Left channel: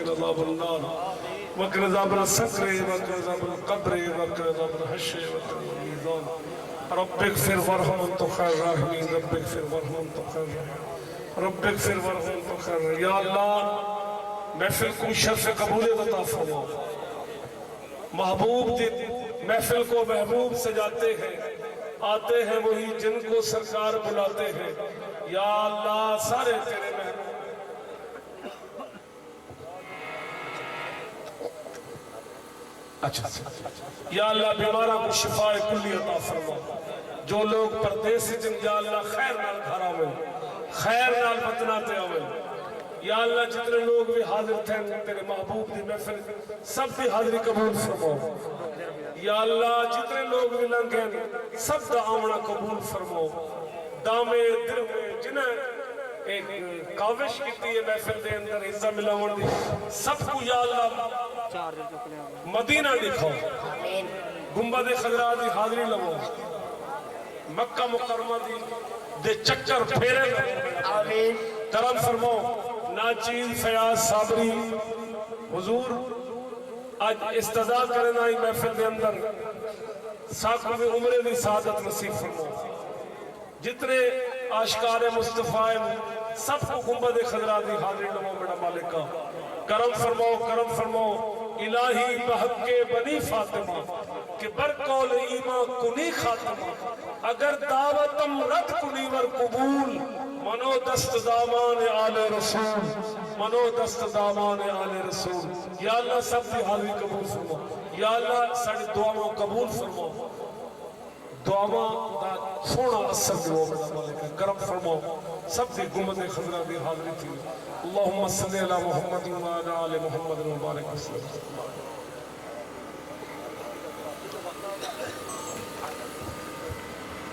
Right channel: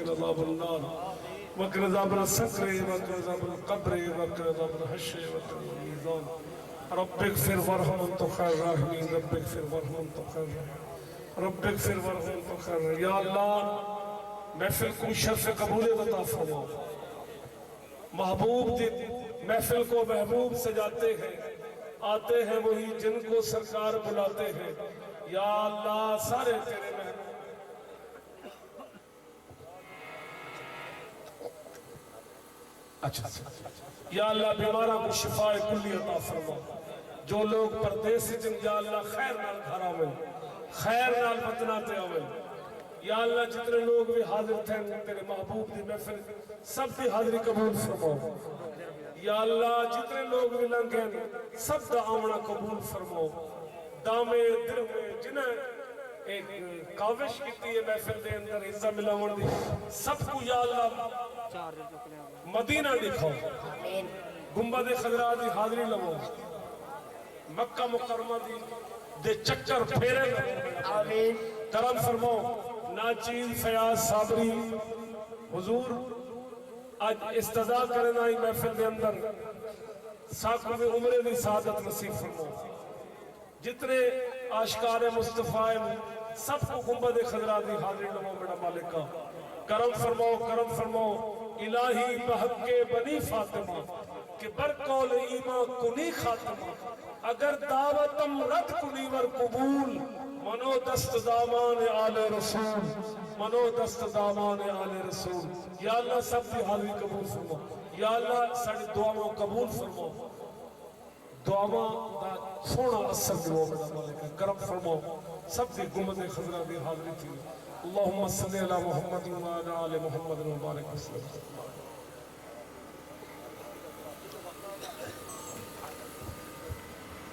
وقنا عذاب النار وقنا عذاب السقر وقنا عذاب القبر وقنا عذاب الحشر وقنا عذاب الميزان رب اغفر وارحم انت خیر الراحمین رب اغفر وارحم انت خیر الراحمین رب اغفر وارحم انت خیر الراحمین یا اللہ محفل کو شرف قبولیت عطا فرما محبوب محفل کو محبوب سجاتے ہیں آتے ہیں وہی جن کو سرکار بلاتے ہیں یا اللہ سارے تیرے محبوب اچھا یا اللہ بیمارہ کو شفاء کلی عطا فرما جو لوگ پردیس سے جن یا اللہ خیر نال گھر آویں خیر نال وطناتے آویں یا اللہ جتنے لوگ بھی حاضر تھے تیرے محبوب دی محفل سب کی حاضری قبول فرما یا اللہ جتنے لوگ بھی لنگیں سب دا آمنا قبول فرما دامے در میں جنہیں ایک کاوش کی ہے محفل دے اندر حصہ ملاون دی سب کو یا اللہ مدینہ دکھاؤ گنبد خضرا دی حاضری لگو مکہ مکرمہ دی دے چکر پھیرے لگو کرم فرماؤ ناچیز فیاض صابری حضور آج استضاء کرنا ہی محفل دے اندر ساکھوں میں عمرے دی سعادت نصیب فرماؤ جتنے آشکار مصطفیٰ سب کو گنبد خضرا دی حاضری لگو میرا مالکہ کرم فرماؤ الہی بحق بنی فاطمہ کہ برقول ایمان کنی خاتمہ اگر دعوتم رد کنی ور قبول منو دست دامان آل رسول منو دست دامان آل رسول یا اللہ سب کی حاضری قبول فرما یا اللہ ساڑی دعاوں قبول فرما دعاوں دا سونا اثر دیو میرا مالکہ کرم فرماؤ سب دی گنبد خضرا دی حاضری تھی اللہم صلی اللہ محمد و علی آل محمد و بارک وسلم